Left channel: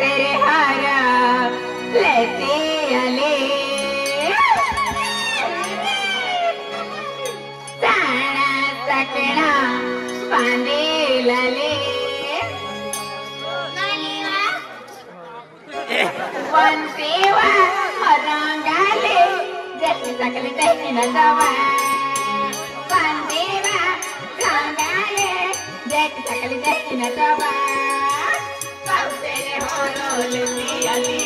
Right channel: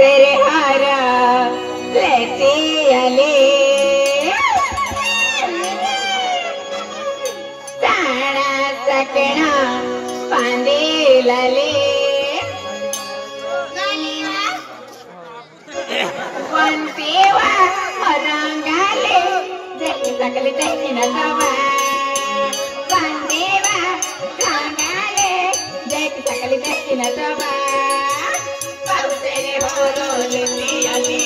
तेरे हार लेती अली ताना सकना पांदी लली वंतीवा मरांगाले जकी सकली जकी नजावा वंतीवा रांगाले जकी सकली जकी नजावा तेरे होरो लेती अली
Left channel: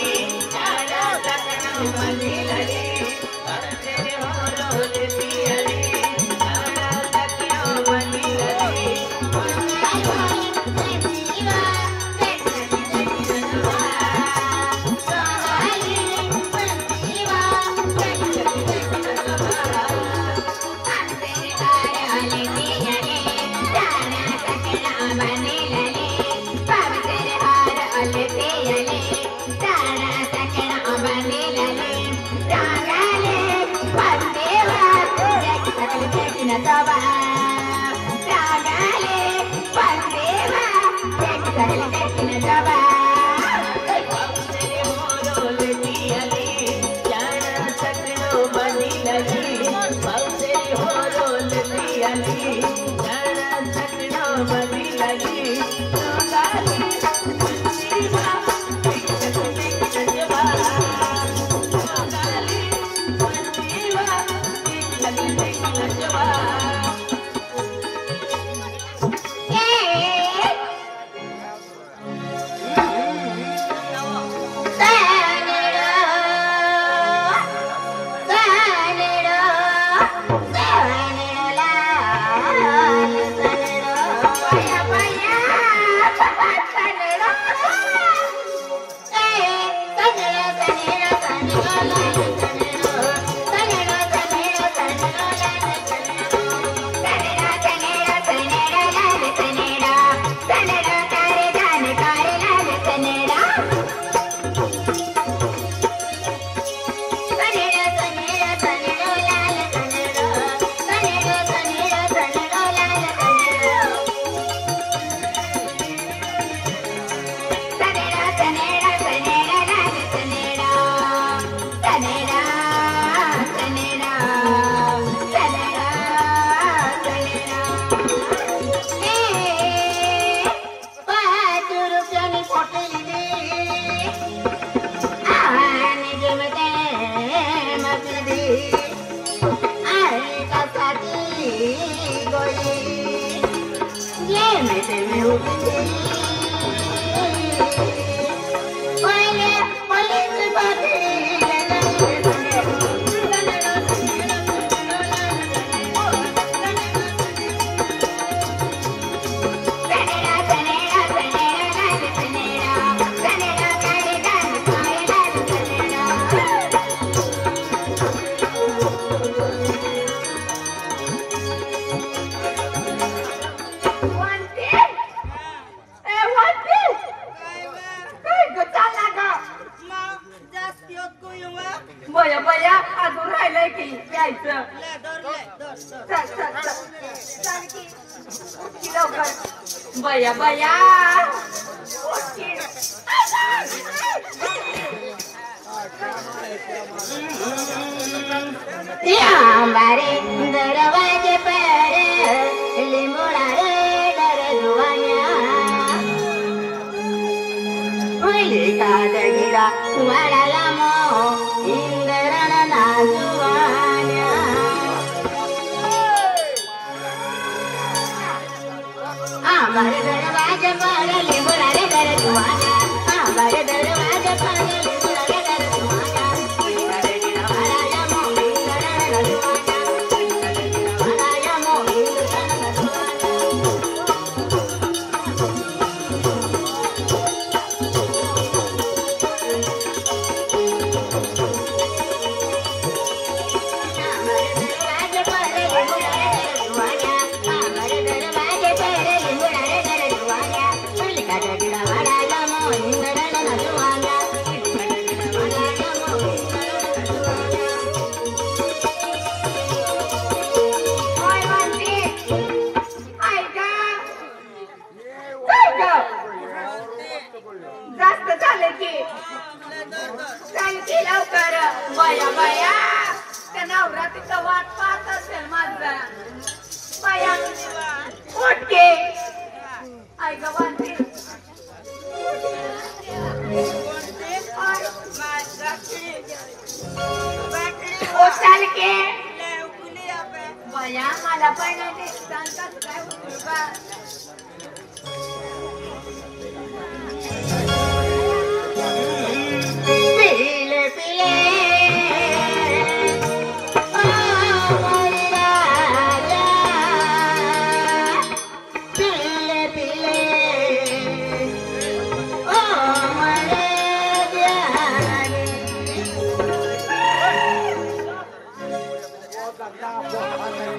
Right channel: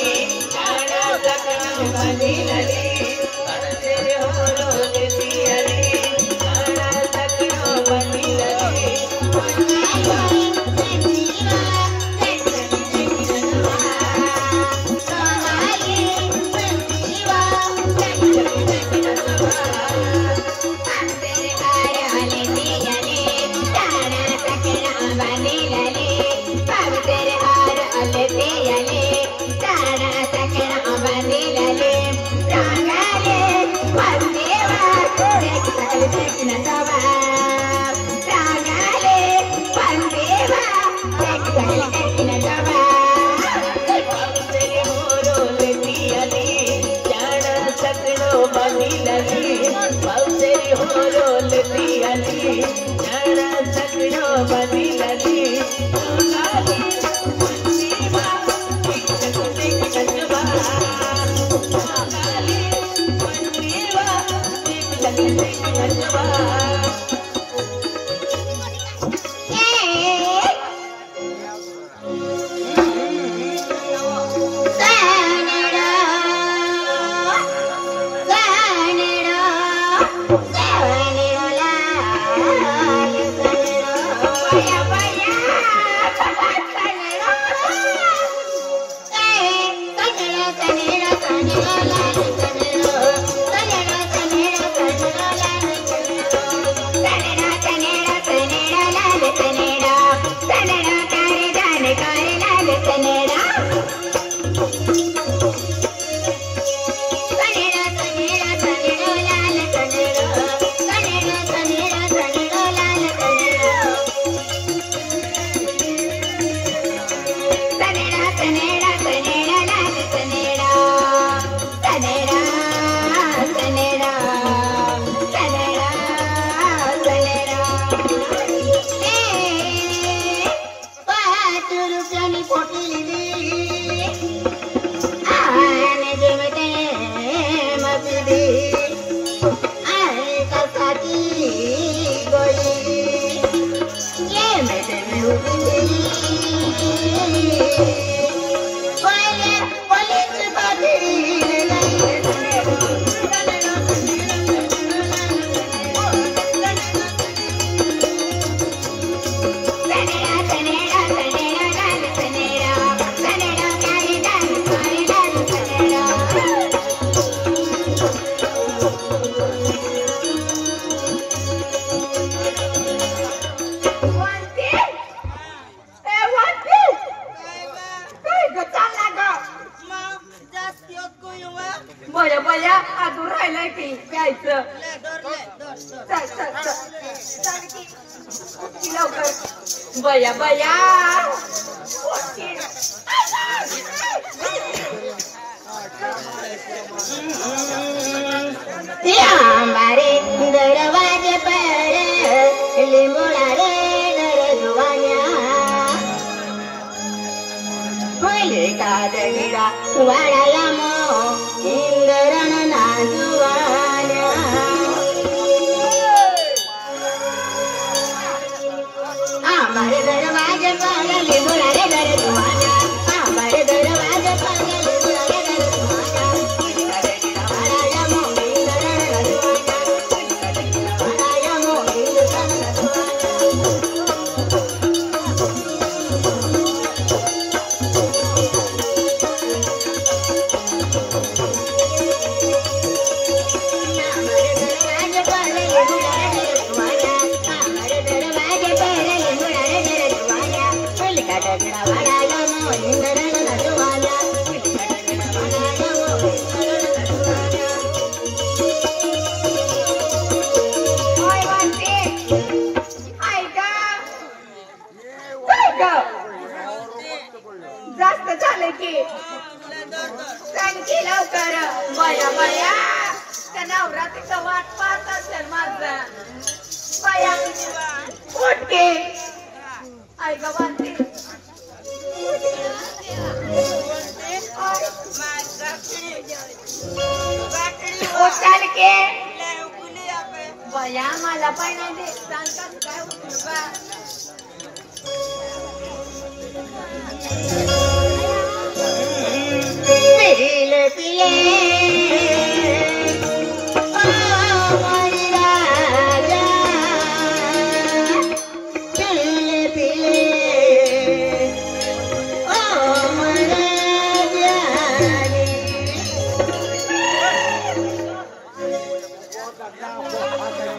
ताना सकना पांदी लली तेरे होरो लेती अली ताना सकना पांदी लली बया बया हमारे दरवाजे पर लिमुड़ा रे डर जुआनिया फुले का दगिरा वाड़ा मो इंद्रन ना जुआनिया हमारे दरवाजे पर लिमुड़ा रे डर जुआनिया हमारे दरवाजे पर लिमुड़ा रे डर जुआनिया फुले का दगिरा वाड़ा मो इंद्रन ना जुआनिया वानते आई ग वानते चाल के बया मला पण नाही दे सांगतात काय उचलू का पिले पिले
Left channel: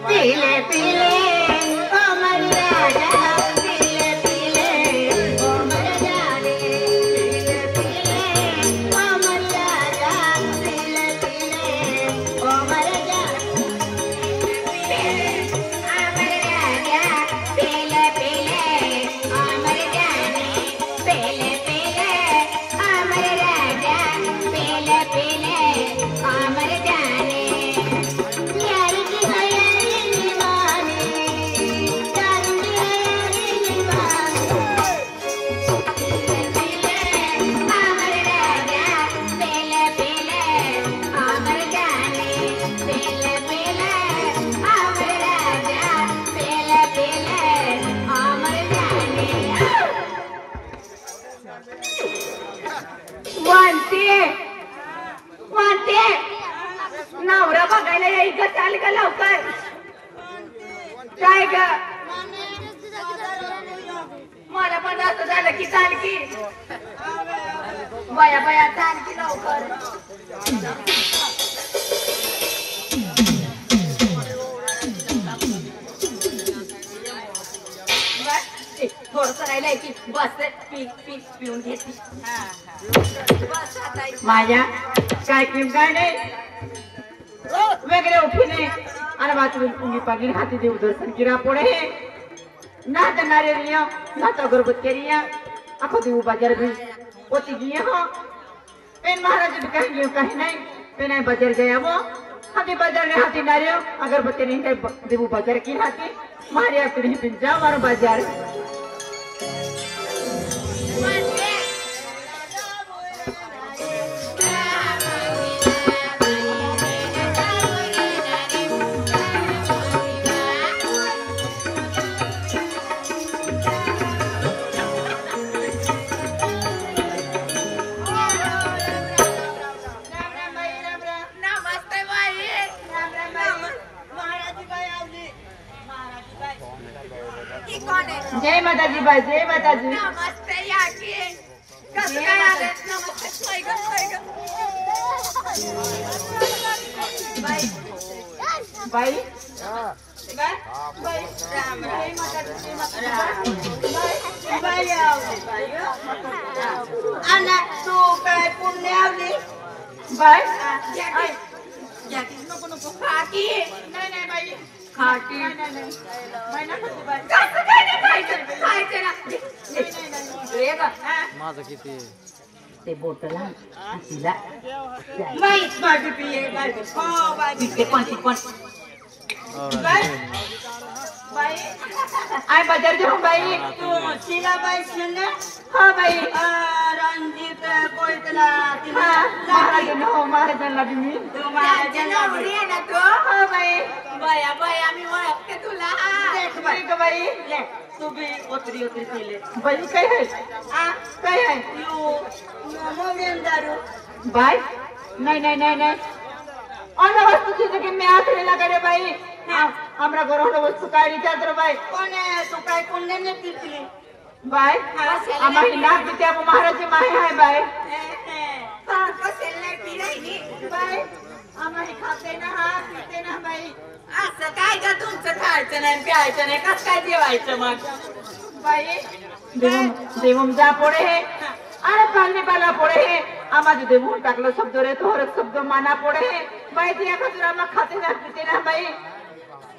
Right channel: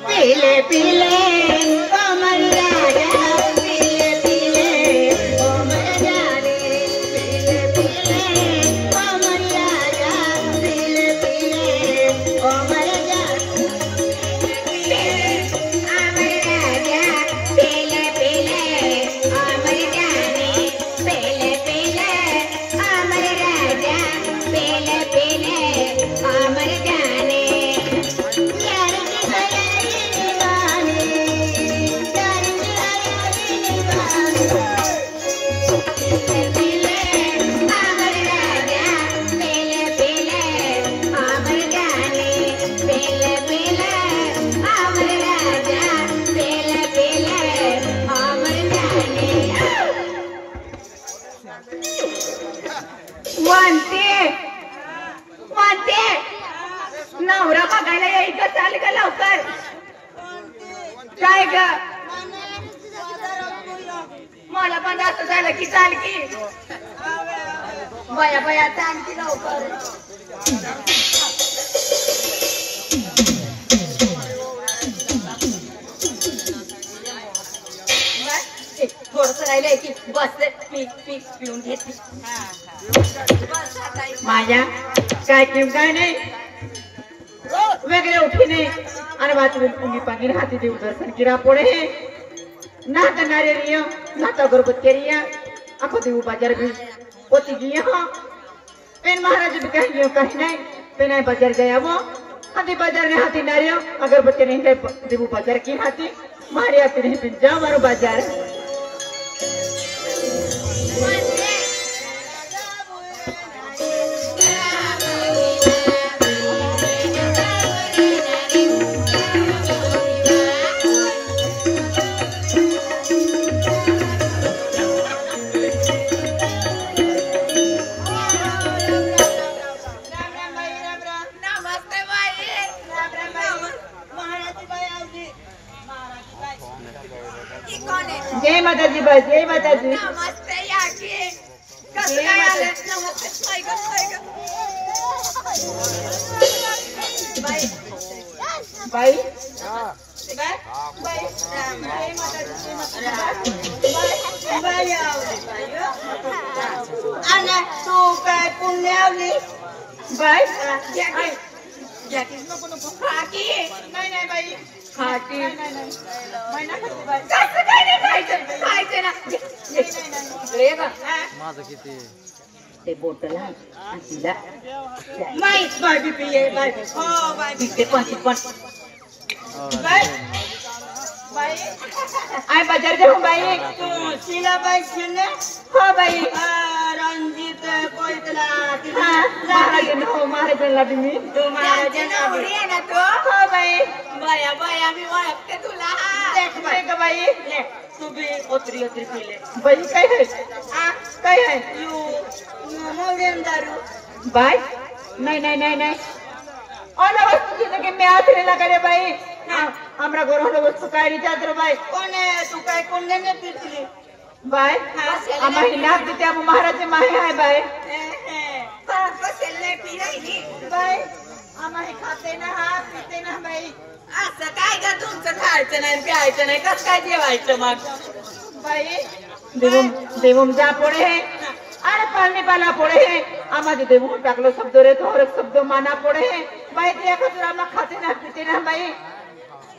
पीले पीले कमल राजा पीले पीले कमल जाने पीले पीले कमल राजा पीले पीले कमल जाने अमर राजा पीले पीले अमर जाने पीले पीले अमर राजा पीले पीले अमर जाने नवरा बघायला यायचं चाल का लवकर काय ग मला पण असं झालं की चाल की बया बया चाल की लवकर थोडस राहिलंय की बस पिऊन घेते माझ्या काय किम काय नाही वेगळे उठीने आणि बातमी पुंगी पांगी हाती देऊ दर्शन किरा पोळे नात नारिया नात अगरबत्तीरिया आखो देऊ बाजार भी पोती गिया हो पेन महाराज भी कहीं नहीं पेन बाजार गया वो हाथी बाजार ने हाथी नारिया अगरबत्ती नहीं है देऊ बाजार की हाथी मारिया फिर ही पिन जाओ मारो बाजार जय माता जी बाई जय माता जी नमस्ते याकी कसं काय आलं नमस्ते बाई बाई बाई बाई जय माता जी बाई ana तू काय पुण्य आवली बाई याकी नको नको हाकी नाही नाही बाई हाकी नाही महिना बाई कसं काय नाही खायचं ना इकडे बघ माझं किती ते बोटला तिला बाई बाई पिये बाई हो बाई ते पण बाई बाई आय बाजार जाऊ बाई तू तिला बाई सुने हो बाई रंजीत कोयतला तिला हो महाराजांना तुम्ही तू महाराजांना आहे ना तो हो बाई बाया बाया मी ओळखते तुला देख बाई ले तू भी ओतरी पिले बाई काय आहे काय आहे यू मोगेन दारू बाई नाही और वस्तु चीज के मैं आखिर ना करे भाई हमरा घर होनो वस्तु काय रिचाद्र भाई कोने तू काय कोने ने पिसली भाई हमारी लाग देते अब महाराज माहे है भाई कसेल पी रही भाई हमारी खाते ना हात पीते ना भाई असं काय का तुमचं खायचं नाही प्यायचं नाही कसं काय जेवायचं मग बाई देवून जा पडे अरे पानी पाला पड़े आमाज देवून टाकलो शब्द रे तो हर शब्द माना पड़े बाई दिया कुछ खाते ना पीते ना बाई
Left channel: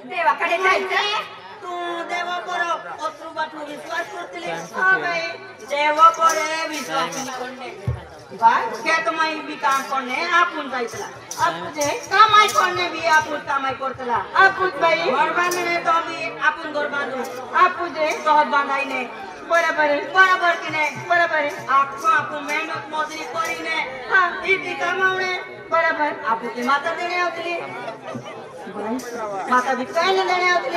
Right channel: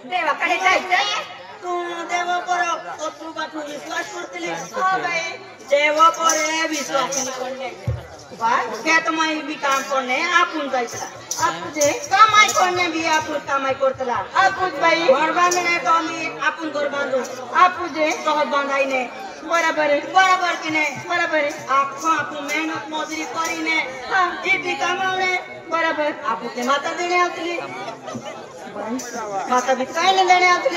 देवाकडे जायचं तू देव करो अतरू बाठू विश्वास करतले हां बाई देव करे विश्वास कोणने खेत में भी काम करने आपण जायला आपने कामाई करने भी आपण कामाई करतला आपण भाई घर बांधणे तो आम्ही आपण घर बांधू आपण जे घर बांधायने बरोबर की नाही बरोबर आपण मेहनत मजुरी करीने इतकी कमावणे बरोबर आपण ते माता देणे आवतली माता भी काय नाही देणे आवतली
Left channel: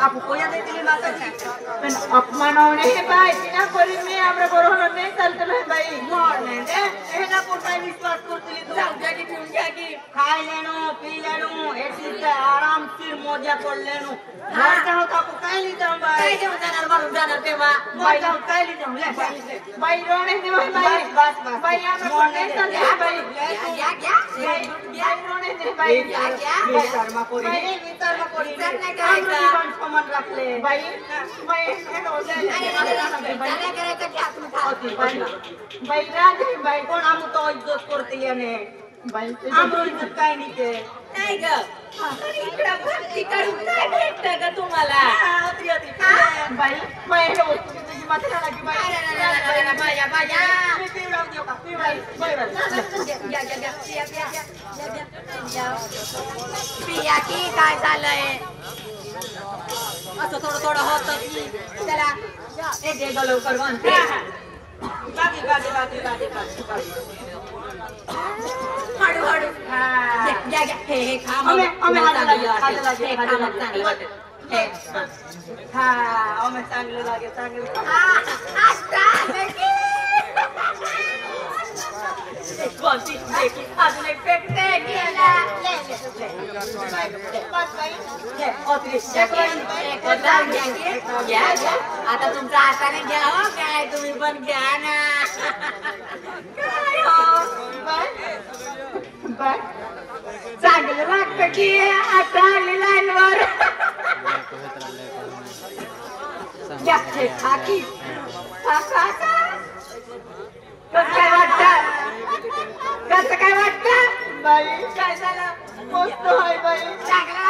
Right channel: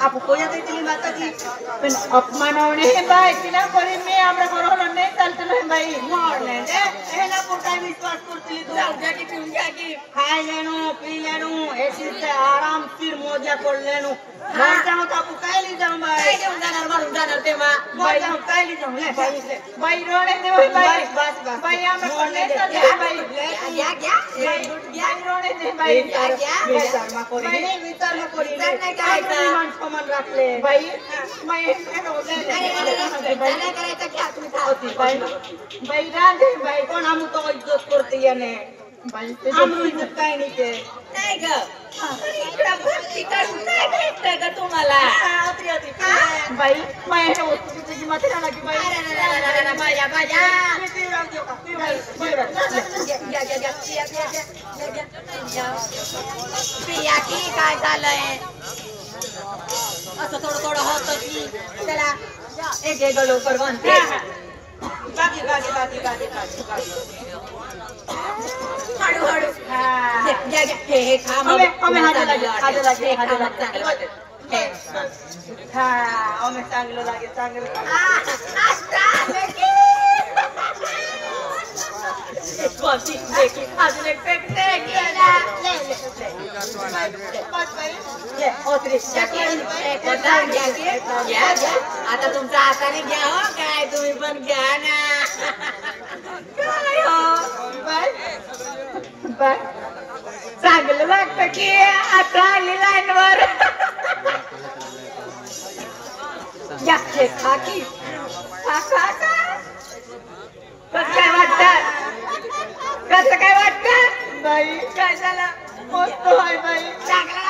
आपण कोया देतली माता जी पण अपमानवणे हे बाई तिला करी मी आपल्या बरोबर नाही चालतलो बाई मोडणे दे हे ना कोणता विश्वास करतली तू जाऊ द्या की ठेवून घ्या की खाय लेणू पी लेणू एसीच आराम फिर मजा कर लेणू मर जाऊ तर आपण काय ली जाऊ बाई काय घेऊन जाणार म्हणून जाणार तेव्हा मर जाऊ काय ली जाऊ ले बाई रोणे दे बाई बस बाई आम्हाला नाही चालत बाई घ्या रोणे दे बाई घ्या विचार मा कोरी नाही करायचा मन समान राखले बाई मैं चाले करायचं घ्या तुम्ही खाओती बाई राधे बाई कोण आम्ही तो इज्जत करते याने बाई आम्ही इज्जत काय नाही के नाही ग इकडं भरती करून काय भेटतं ग तुम्हाला होती बाई बाई हे वस्तू तुझी मात्र लागी बाई माझ्या प्रिया की काय झालंय असं थोडं होतं की चला एक लवकर बनते बाकी हळू हे काम चांगलं वाटत चांगलं लागे चांगलं अजून एक आता तुमच्या हाताने घ्या हो काय तुम्ही पण घ्या ना काय हो चांगलं वाटतं की आता आली लाईनवर खा की खा कसं काय वाटतं बाई काय झालं मस्त आहे बाई चांगला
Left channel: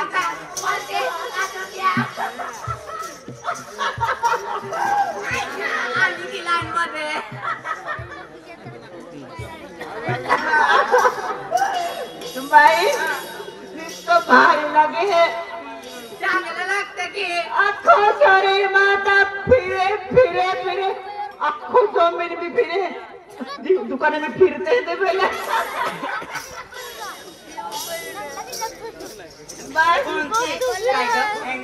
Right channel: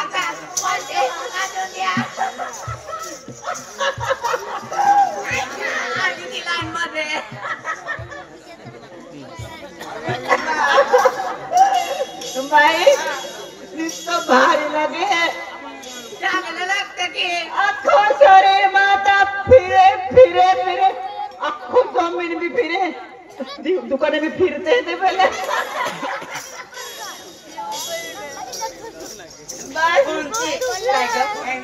आली ती लाईन मध्ये बाई नुसतं भारी लागे चांगलं लागतं की अख्खो शरीर माता फिरे अख्खो जमीन भी फिरे दुकाने में फिरते थे पहले बाई काय ग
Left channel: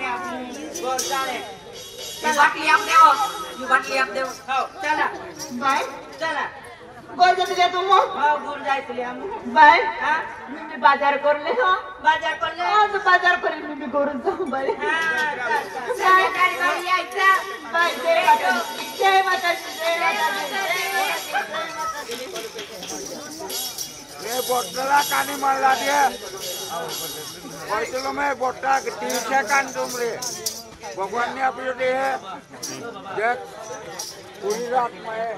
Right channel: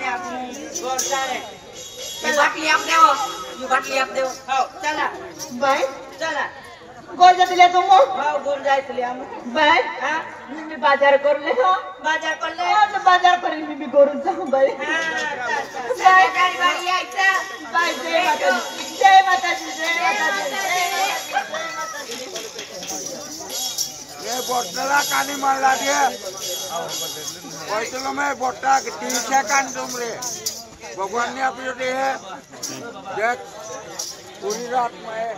आपण गोर चाले बाटली आप देव हो चला बाई चला गोर दिले तुम हो गोर जायतली आम्ही बाई मी बाजार करले हो बाजार करेल मी गोरून जाऊ बाई हां गाडी यायचा बाई जय माताजी ये बोटला कानी मारला दिया बोटलो में बोटा तीसरा कान तुमरे भगवान ने अपने दे है ये पूरी रात में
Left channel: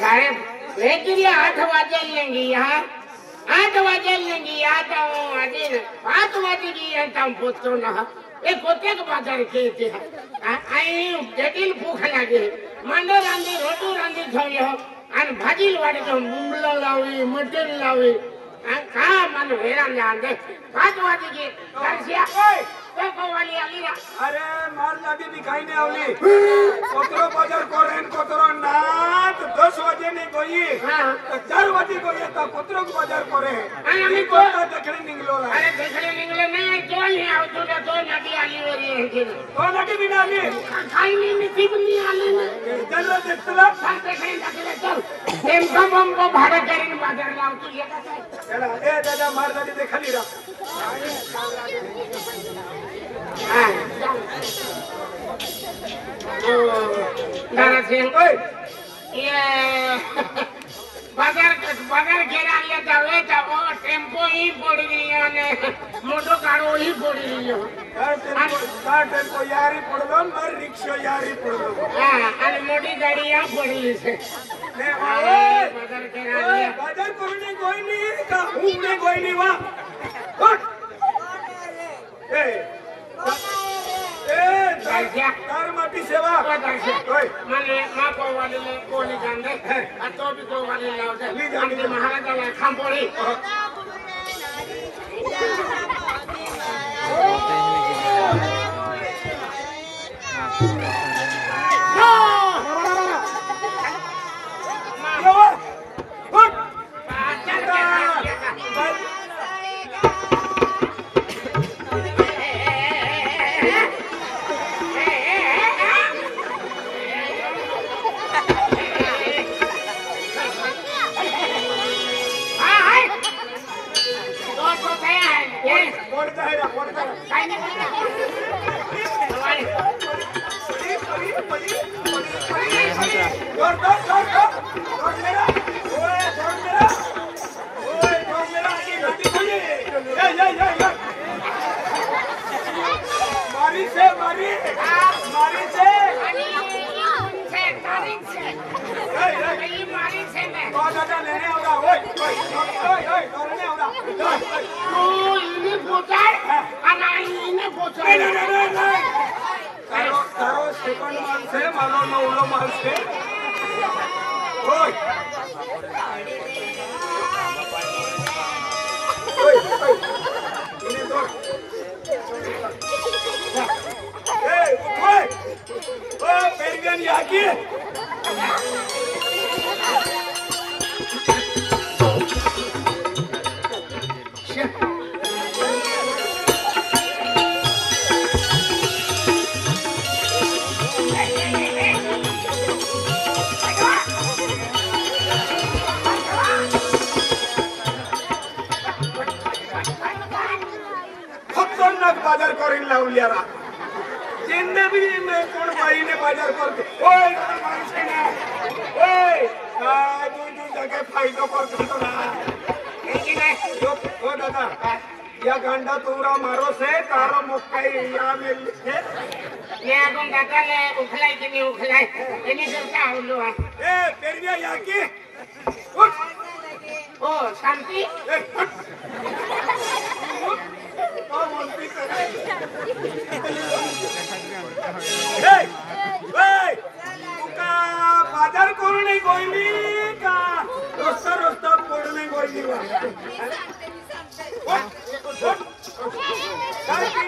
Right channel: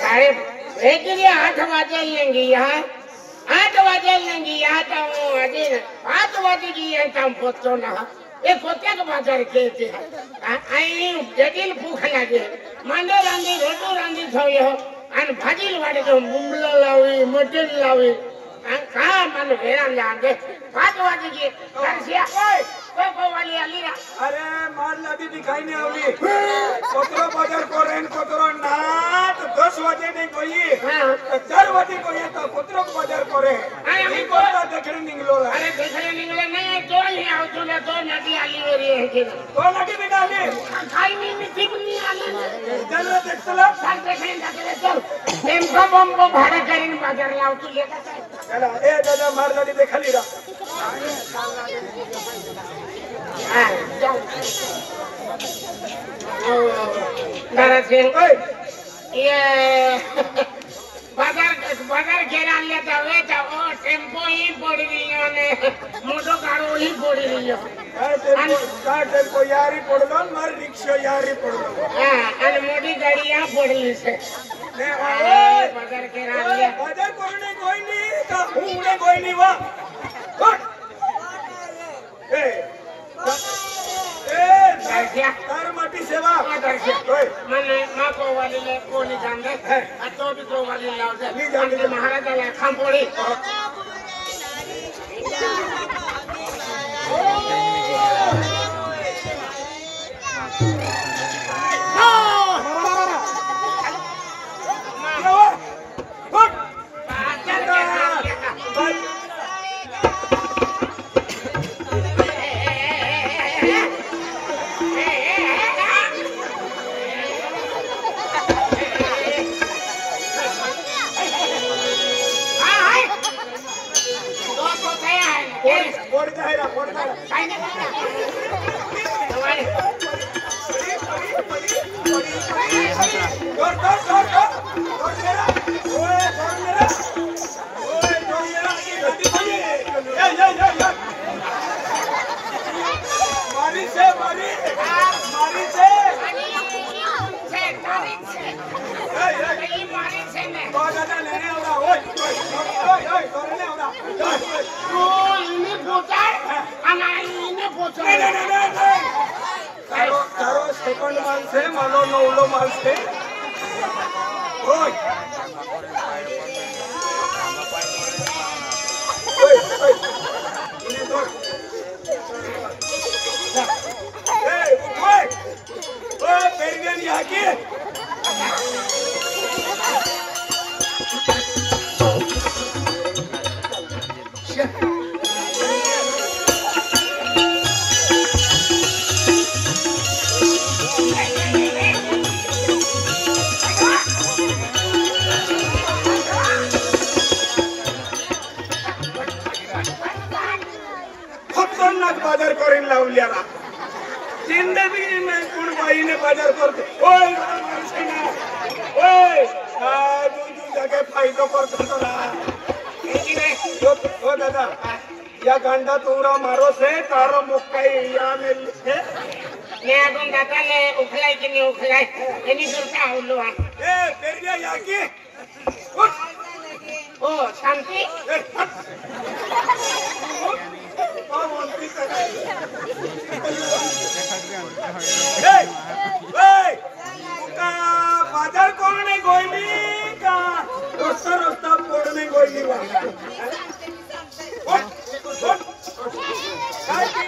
साहेब वेगळी 8 वाजेल नाही यहाँ 8 वाजेल नहीं यहाँ तो आज 5 वाजे की यहाँ पोचतो ना ये कोत्या का बाजार के आई जटिल भूख लागे मांडा रांधी रोटू रांधी थोड़ी हो आणि भाजी वाटे तो मुंबला लावी मटन लावी का मन हैरान लांदे 5 वाजे की करसिया कोई वाली आली अरे मार लादी दिखाई नहीं आवली कोतरो बाजार कोरेन कोतरो नात 10 वाजे नहीं कोई 4 वाजे कोई तो कोतरो को बाजार करे आम्ही को देखणे निघलो अरे देखणे निघले नाही तो नाही आवतो ना तो नदी आली वरी आहे की तो नदी बिना आली काही नाही तिकनी आली जरा देखतला सांगते काही टाकले चल ते बम भाडे करीन बाजार लावतो येता चला ए दादा मार लादी देखाली रा बाजार घेऊन आणल्या जावे जावो टेम्पो ही पडी आणि मोठो गाडो ही पडी का टेम्पो यारी पडलो मार रिक्षा यारी पडलो आणि मोठी गाडी या पडली बाजार घेऊन आणल्या बाजार कोणी कोई नहीं का हुने कोई नहीं वा ए तार माटी सेवा रे तो भी तो वाली लाव दे आणि महाराजाला खांपोळी सेकंड माणसे मानो नवलो माणसे होय होय होय इने दोर ए उठोय ओ पेरगन याकी बाजार करेन लावल्याला जिंदगी में कोण बाईने बाजार करते ओय माणसे ना ओय दूधी जागे फायदो करतो ना की नाही ओ दादा या गांडा तोरा मारो से तारो मुक्काई या मेल है ने आपण दादाले उखलाय की नाही उखलाय एनी करता आवलो ए पेरिया या की ओ शांती बाजार करून नाही गोयली का रस्ता रस्ता पडणे गोयली काय ती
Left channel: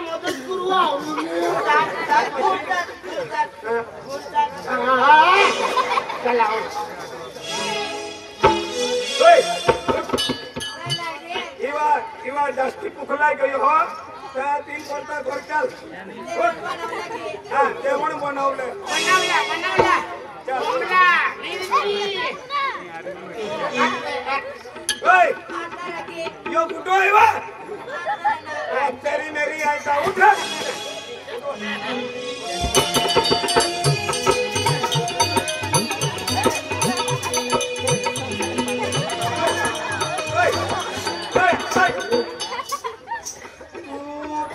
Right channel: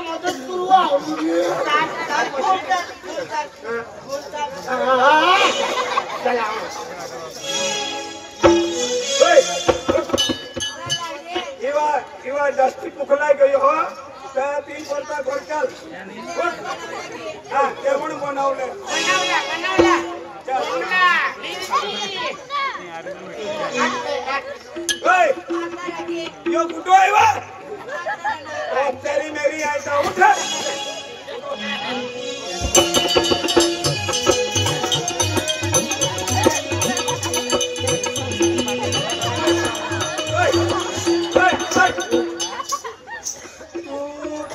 मदत किंवा जास्ती पुखलाय गयो हो तर 3 परता घरचाल हा जेवण बनवलं यो कुठो आहे वा तेरी मेरी आयता उठ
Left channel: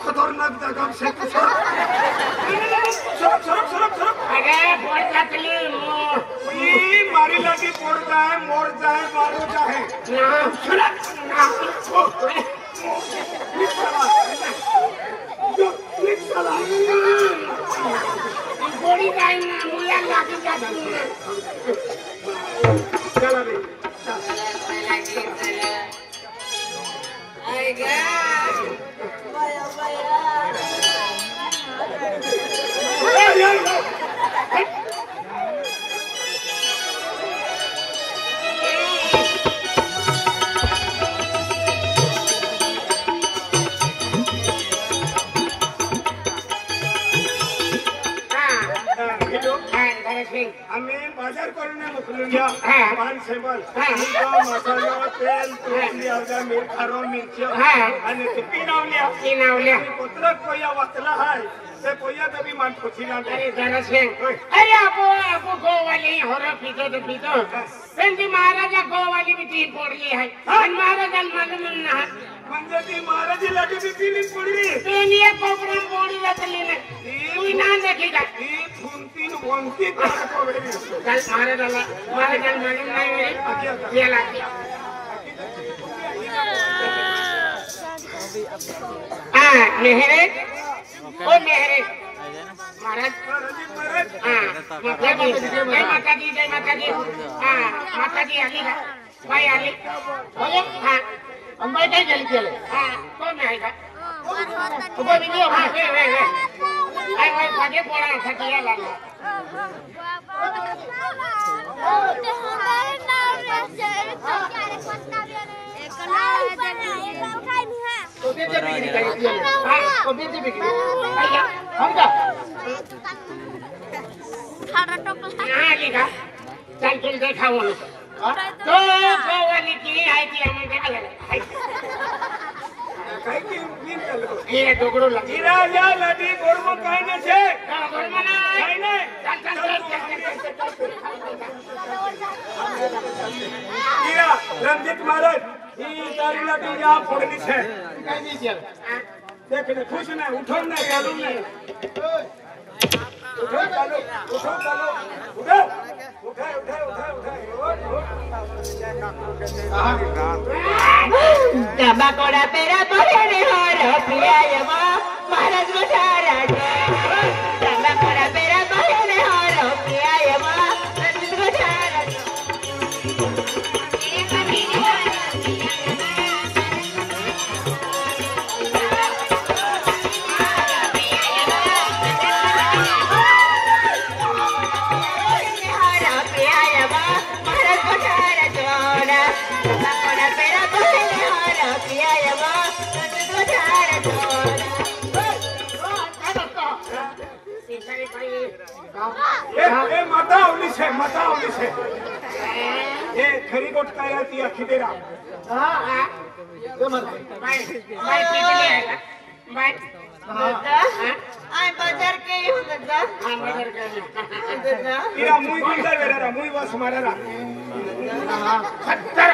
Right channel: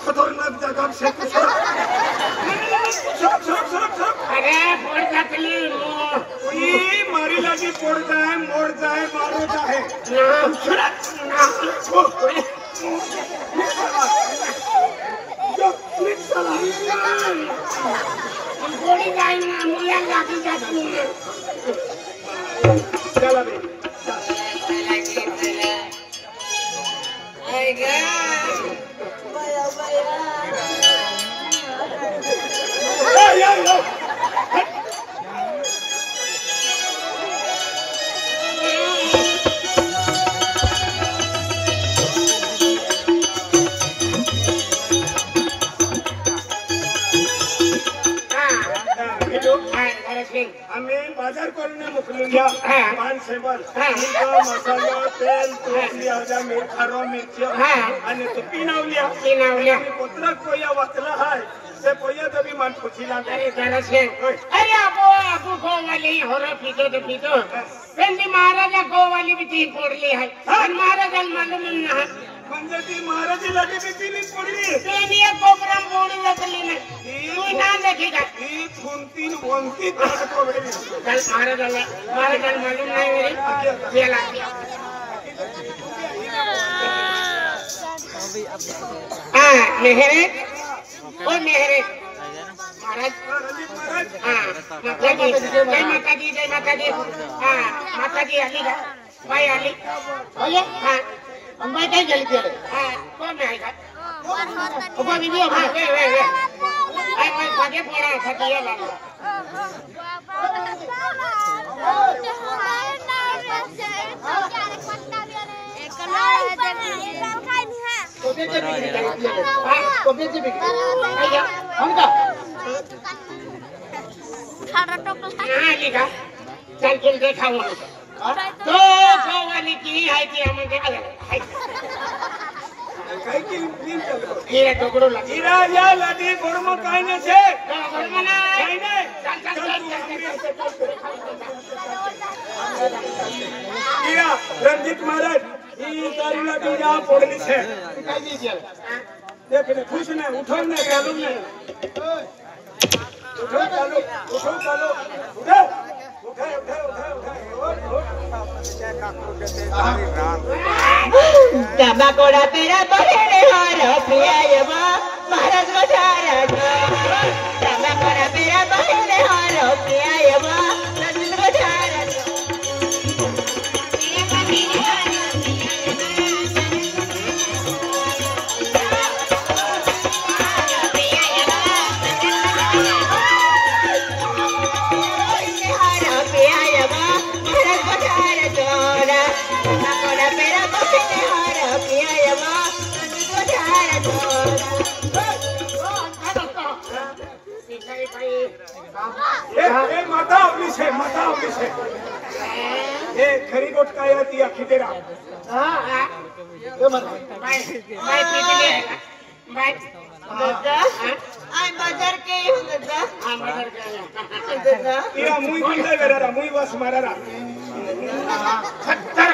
खतरनाक जागा से मारी लगी पड़ जाए मोड़ जाए मारो जाए चला भी आम्ही बाजार करून मोकलूया पान सेबल मसालो तेल तुळशी आवजा खारो मिरची आणि ते पिनावल्या पत्रक पोया वाचला हाय ते पोया तभी मान खुशीला अरे जरा से अरे आपो गोवाली होरो पितो पेंदी महाराजा गोवाली भी तीन पडली आहे पण महाराजाला मालूम नाही म्हणजे ती महाराजीला बी तीन पडली तेनी एक प्रोग्राम बोली लागली नाही तू ना देखी का ही भोंती त्याला कोवडी चल महाराजाला मालूम नाही रे याला हाँ मेहरे ओ मेहरे महाराज रणजित महाराज हाँ माता जी जय माता दी हाँ माता जी आली का भाई आली बोले हाँ अंबाई काय गेली केले हाँ कोण आहे का उभा व्हिडिओ हाँ वे आई मागे पोळा साठी या लागला कोणत्याची बिक्री काय केले हाँ कोणत्याची बिक्री आया हमका आली का चल चल देखाव तो वाली की आहे ती म्हणजे કઈ કી મીન ચાલે એ ટોકડો લાગી હીરા યા લાડી ગોળમાં કાઈ ને છે ગોળમાં કાઈ ને હીરા રણજીત મહારાજ ઈ તારી લાડી યા પડલી છે કાઈ દી છે દેખ ને ખુશ ને ઉઠો ને ચાલુ ને ઉઠો ચાલુ ઉઠો ચાલુ ઉઠો ઉઠે ઉઠે ઉઠે ઉઠે Damakoda pera bahine horo priyayama Bharat Vachara Damakoda pera bahine horo priyayama Bharat Vachara એ માતા આવલી છે એ ખરી ગોટકાયા તી આખી દેરા हाँ हाँ बाय बाय पीटले है bye Dada, ay bazar ke ho dada हाँ मदर के dada તીરા મુઈ ગુંડા વેરા મુઈ વાસ મારા खतर